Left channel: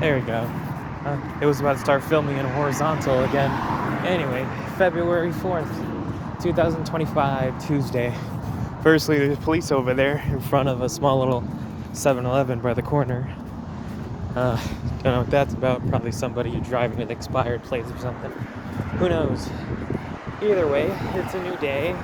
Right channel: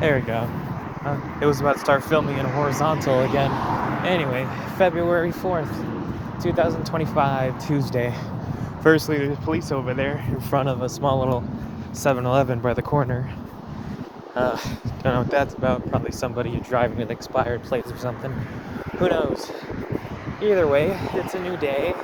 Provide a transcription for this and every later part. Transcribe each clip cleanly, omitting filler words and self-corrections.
There we go. It was about to start filming in horizontal again. Anyway, February 4th, 2025, Tuesday. Firstly, there's police over there in front of a small little 7-Eleven by the corner. Don't know what that's about. Probably somebody driving an expired plate or something. Who knows? Either way, it's a new day.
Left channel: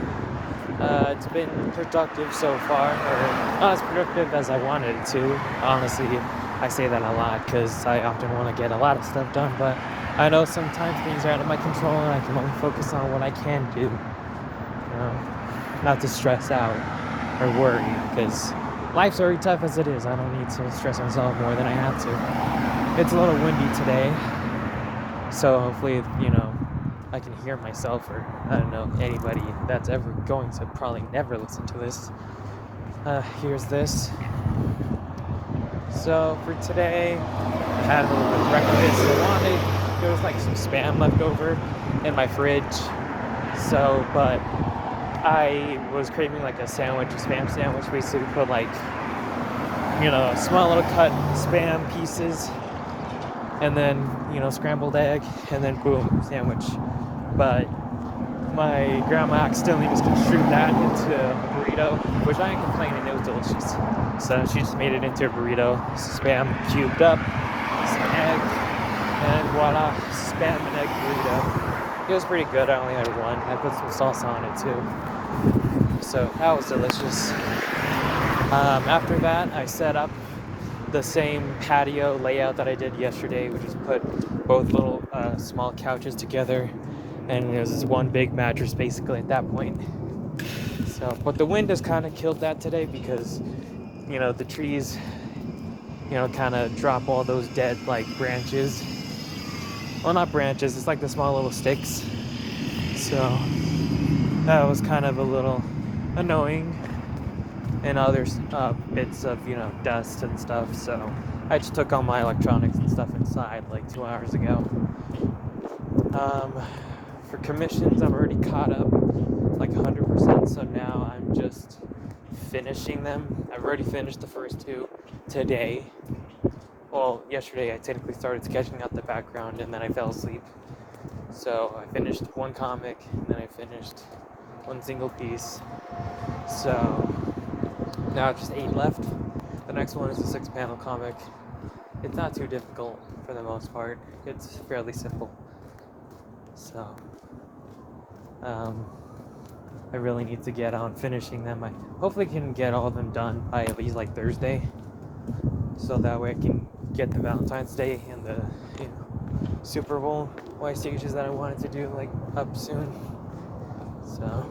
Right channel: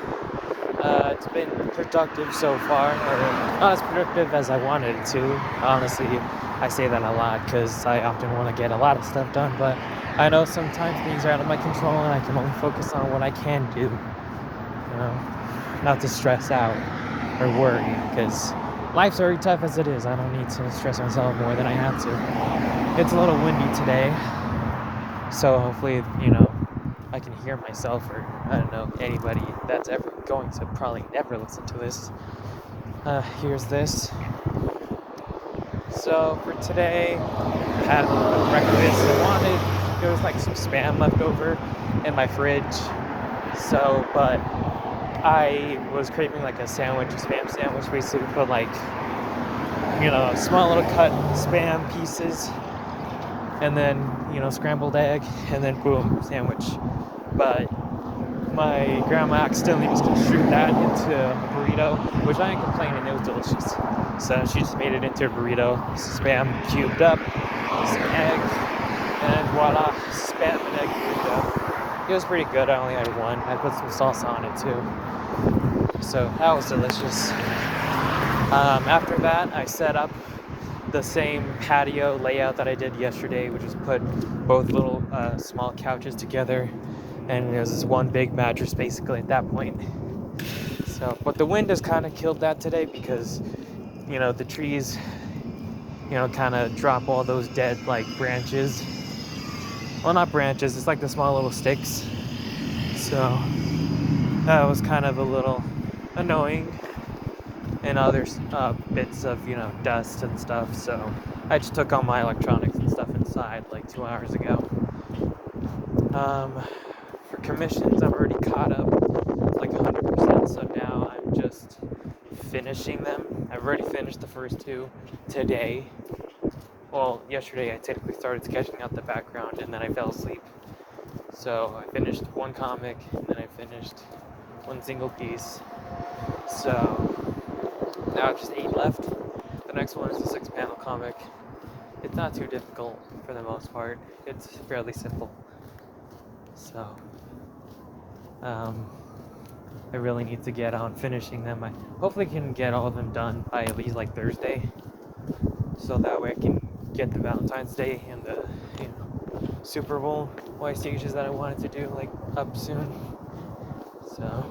It's been productive so far, or not as productive as I wanted it to. Honestly, I say that a lot because I often want to get a lot of stuff done, but I know sometimes things are out of my control and I can only focus on what I can do. Not to stress out or worry, because life's already tough as it is. I don't need to stress myself more than I have to. It's a little windy today, so hopefully, I can hear myself, or I don't know, anybody that's ever going to probably never listen to this. Here's this. So for today, I had a little bit of breakfast. There was like some Spam left over in my fridge. So, but I was craving like a sandwich, a Spam sandwich, basically put like, small little cut Spam pieces, and then, scrambled egg, and then boom, sandwich. But my grandma accidentally misconstrued that into a burrito, which I ain't complaining, it was delicious. So she just made it into a burrito, Spam cubed up, some egg, and voila, Spam and egg burrito. It was pretty good. I only had one. I put some sauce on it too. So that was delicious. After that, I set up the same patio layout that I did yesterday, which is put both little small couches together, and it was just one big mattress basically at that point. So, but the wind has kind of killed that today because, the trees, kind of drop all those dead like branches. Well, not branches, it's like the small little sticks. So that was kind of a little annoying. And other bits of, dust and stuff. So I just took all my electronics and stuff inside like 2 hours ago. For commissions, I'm already caught up like 100%. So now I'm just finishing them. I've already finished the first two today. Well, yesterday I technically started sketching out the background and then I fell asleep. So I finished one comic and then I finished one single piece. So now it's just 8 left. The next one is a 6-panel comic. It's not too difficult for the most part. It's fairly simple. So, I really need to get on finishing them. I hopefully can get all of them done by at least like Thursday. So that way I can get the Valentine's Day and the, Super Bowl Y stages that I wanted to do like up soon. So,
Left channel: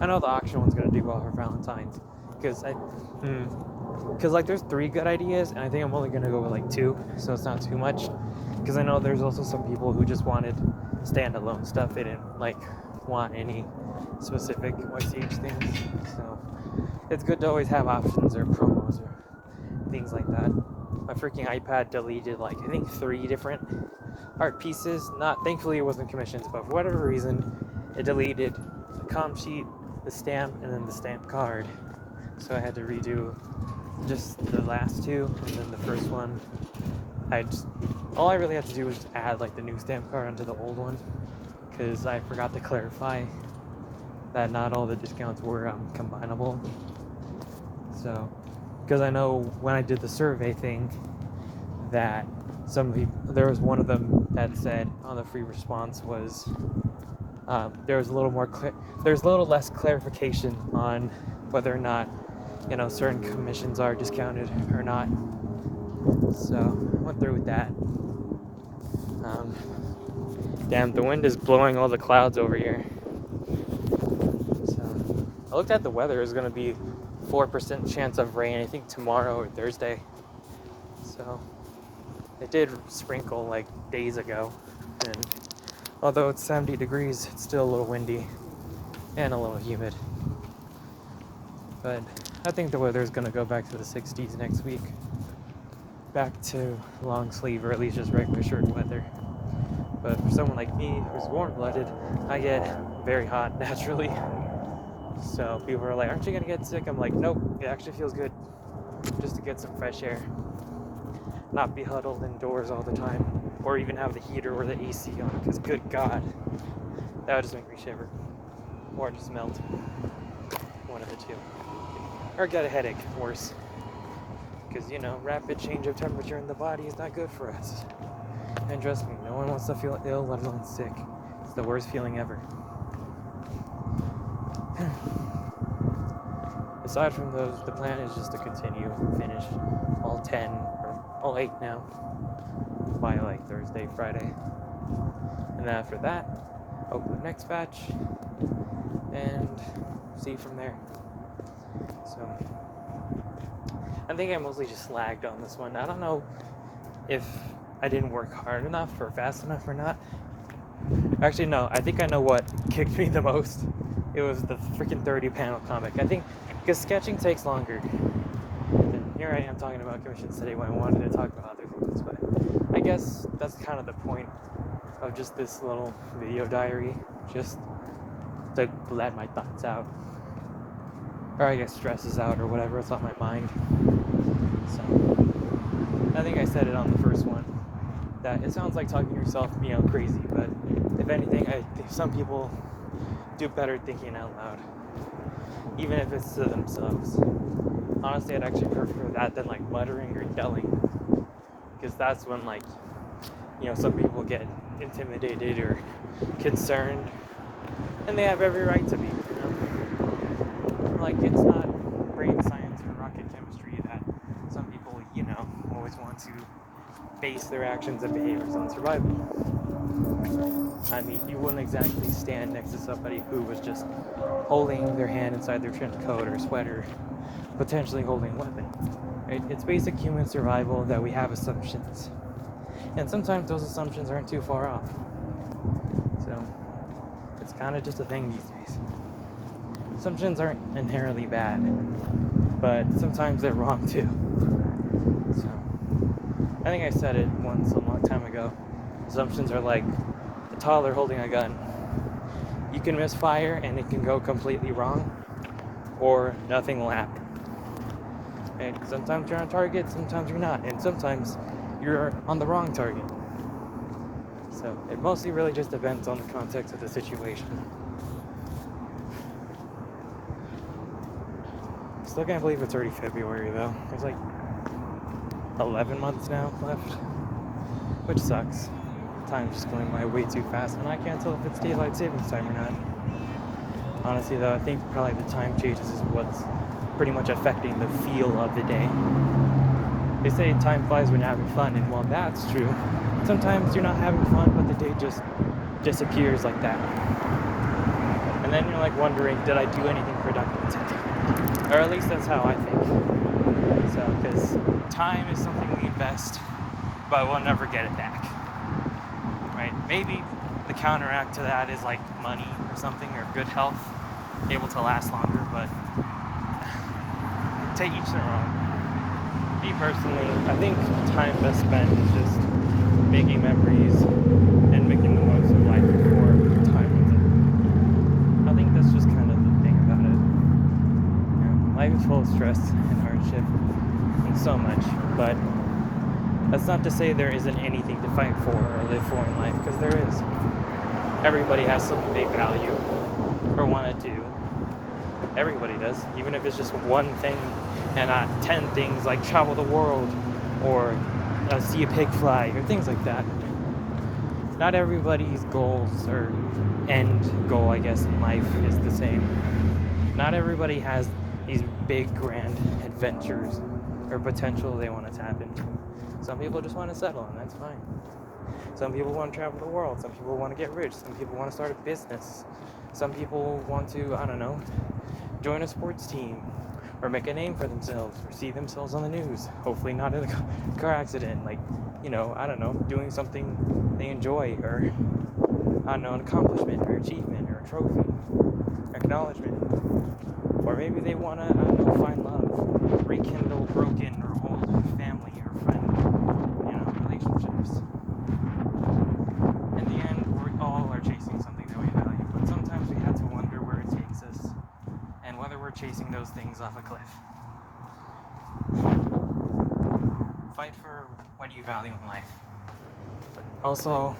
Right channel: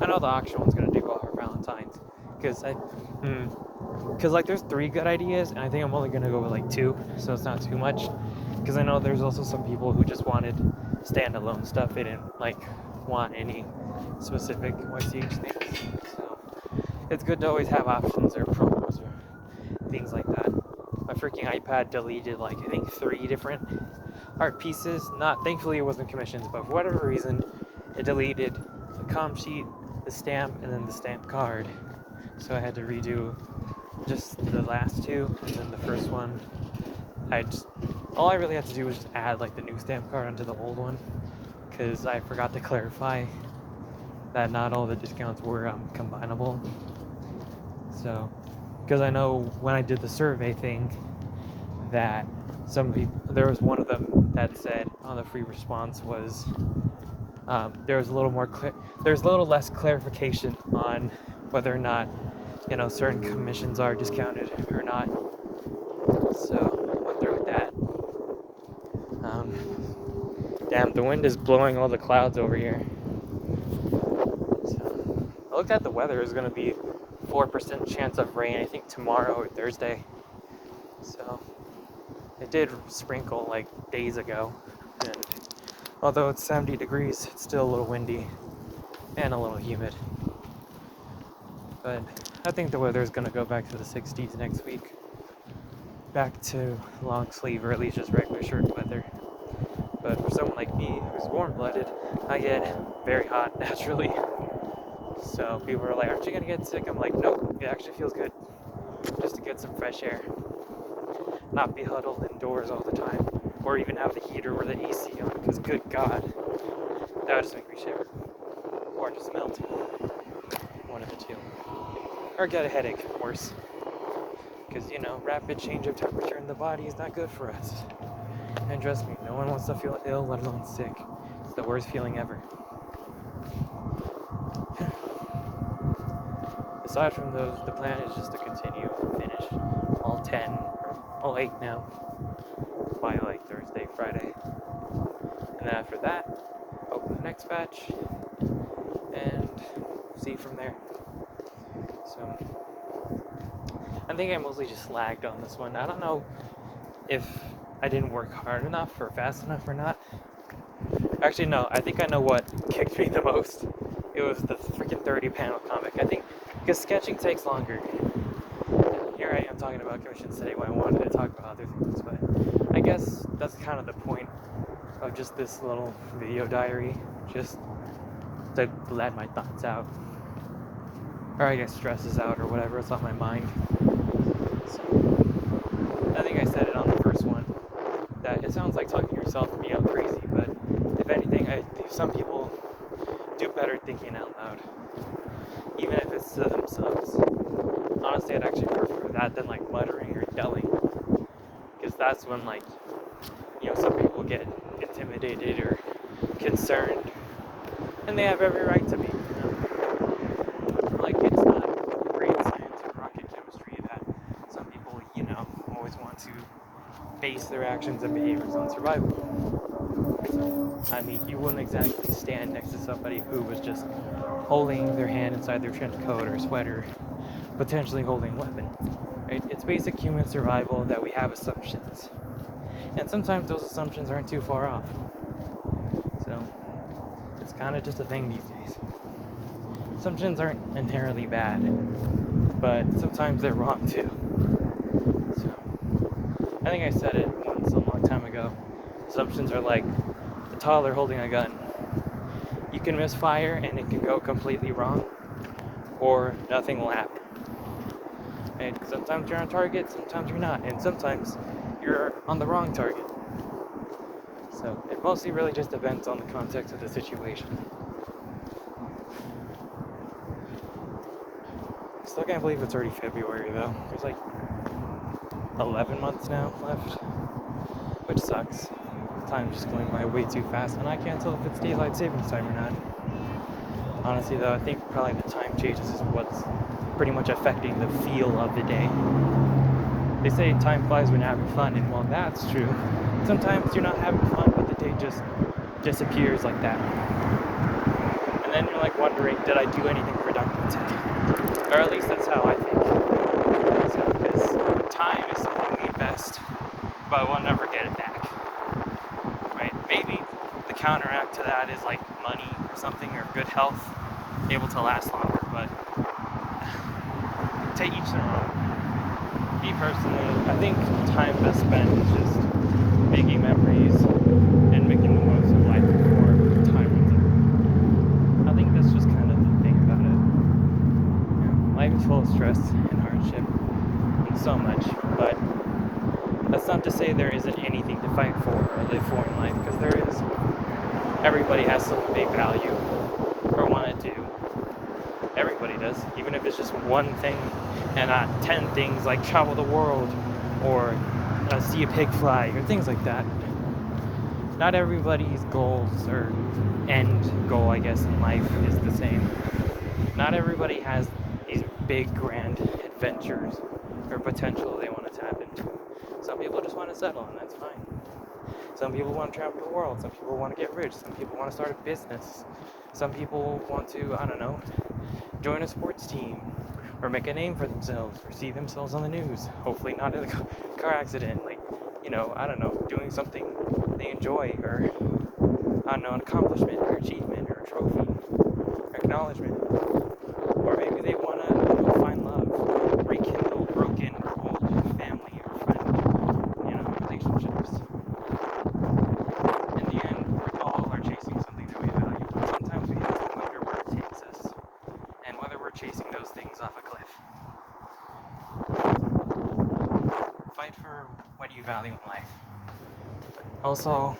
I know the auction one's gonna do well for Valentine's. Because there's 3 good ideas, and I think I'm only gonna go with like 2, so it's not too much. Because I know there's also some people who just wanted standalone stuff. They didn't like want any specific YCH things. So it's good to always have options or promos or things like that. My freaking iPad deleted like I think 3 different art pieces. Thankfully it wasn't commissions, but for whatever reason it deleted the comp sheet, the stamp, and then the stamp card. So I had to redo just the last 2, and then the first one, all I really had to do was just add like the new stamp card onto the old one, because I forgot to clarify that not all the discounts were combinable. So, because I know when I did the survey thing, that there was one of them that said on the free response was there's a little less clarification on whether or not certain commissions are discounted or not. So I went through with that. Damn, the wind is blowing all the clouds over here. So I looked at the weather. It's gonna be 4% chance of rain, I think tomorrow or Thursday. So it did sprinkle like days ago, and although it's 70 degrees, it's still a little windy and a little humid. But I think the weather is going to go back to the 60s next week. Back to long sleeve, or at least just regular shirt weather. But for someone like me, who's warm-blooded, I get very hot naturally. So people are like, aren't you going to get sick? I'm like, nope, it actually feels good just to get some fresh air. not be huddled indoors all the time, or even have the heater or the AC on, because good God, that would just make me shiver, or just melt, one of the two, or get a headache, worse, because, rapid change of temperature in the body is not good for us, and trust me, no one wants to feel ill, let alone sick. It's the worst feeling ever. Aside from those, the plan is just to continue, finish all 10, or all 8 now, by like Thursday, Friday. And then after that, open the next batch, and see from there. So, I think I mostly just lagged on this one. I don't know if I didn't work hard enough or fast enough or not. Actually, no, I think I know what kicked me the most. It was the freaking 30-panel comic. I think, because sketching takes longer. Here I am talking about commissions today when I wanted to talk about other things, but I guess that's kind of the point of just this little video diary, just to let my thoughts out, or I guess stresses out, or whatever is on my mind. So, I think I said it on the first one, that it sounds like talking to yourself and being out crazy, but if anything, I think some people do better thinking out loud, even if it's to themselves. Honestly, I'd actually prefer that than like muttering or yelling, because that's when some people get intimidated or concerned, and they have every right to be, like, it's not brain science or rocket chemistry that some people, always want to base their actions and behaviors on survival. I mean, you wouldn't exactly stand next to somebody who was just holding their hand inside their trench coat or sweater, potentially holding a weapon, right? It's basic human survival that we have assumptions, and sometimes those assumptions aren't too far off. So it's kind of just a thing these days. Assumptions aren't inherently bad, but sometimes they're wrong too. So I think I said it once a long time ago. Assumptions are like a toddler holding a gun. You can misfire and it can go completely wrong, or nothing will happen. And sometimes you're on target, sometimes you're not, and sometimes you're on the wrong target. So it mostly really just depends on the context of the situation. Still can't believe it's already February though. There's like 11 months now left, which sucks. Time's just going by way too fast, and I can't tell if it's daylight savings time or not. Honestly though, I think probably the time changes is what's pretty much affecting the feel of the day. They say time flies when you're having fun, and while that's true, sometimes you're not having fun, but the day just disappears like that. And then you're like wondering, did I do anything productive today? Or at least that's how I think. So, because time is something we invest, but we'll never get it back. Right? Maybe the counteract to that is like money or something, or good health, able to last longer, but to each their own. Me personally, I think time best spent is just making memories and making the most of life before time runs out. I think that's just kind of the thing about it. Life is full of stress and hardship and so much, but that's not to say there isn't anything to fight for or live for in life, because there is. Everybody has something they value or want to do. Everybody does, even if it's just one thing and not 10 things like travel the world or see a pig fly or things like that. Not everybody's goals or end goal, I guess, in life is the same. Not everybody has these big, grand adventures or potential they want to tap into. Some people just want to settle, and that's fine. Some people want to travel the world. Some people want to get rich. Some people want to start a business. Some people want to, join a sports team or make a name for themselves or see themselves on the news. Hopefully not in a car accident, doing something they enjoy, or, an accomplishment or achievement or a trophy, acknowledgement. Or maybe they want to, find love, rekindle broken or old family or friend, relationships. In the end, we all are chasing something that we value, but sometimes we have to wonder where it takes us and whether we're chasing those things off a cliff. Fight for what value in life. Also,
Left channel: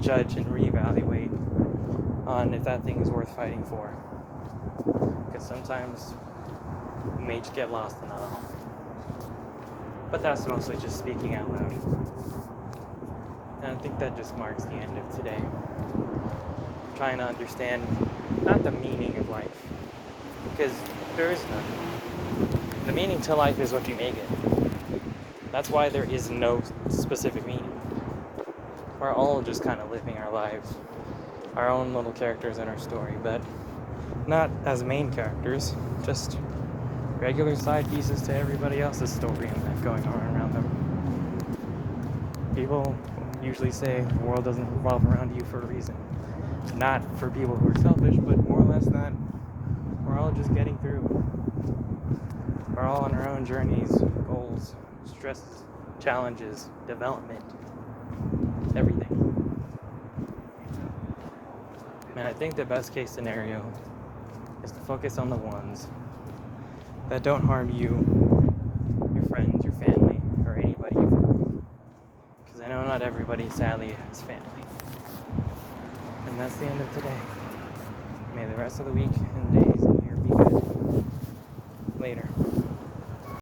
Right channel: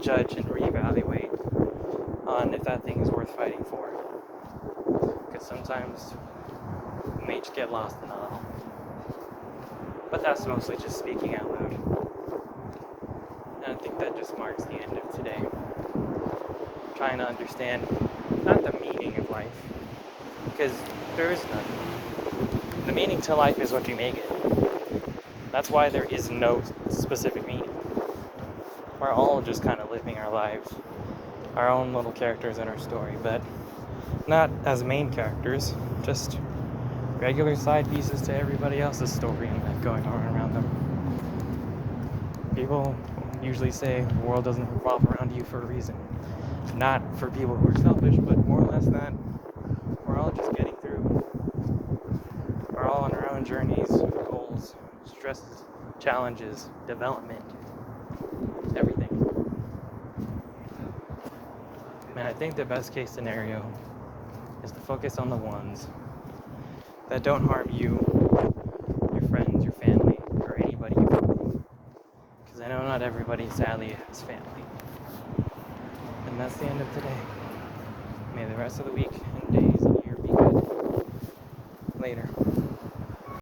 judge and reevaluate on if that thing is worth fighting for. Because sometimes you may just get lost in it all. But that's mostly just speaking out loud. And I think that just marks the end of today. Trying to understand not the meaning of life, because there is none. The meaning to life is what you make it. That's why there is no specific meaning. We're all just kind of living our lives, our own little characters in our story, but not as main characters, just regular side pieces to everybody else's story going on around them. People usually say the world doesn't revolve around you for a reason. Not for people who are selfish, but more or less that we're all just getting through. We're all on our own journeys, goals, stresses, challenges, development, everything. And I think the best case scenario is to focus on the ones that don't harm you, your friends, your family, or anybody you know. Because I know not everybody sadly has family. And that's the end of today. May the rest of the week and days and year be good. Later.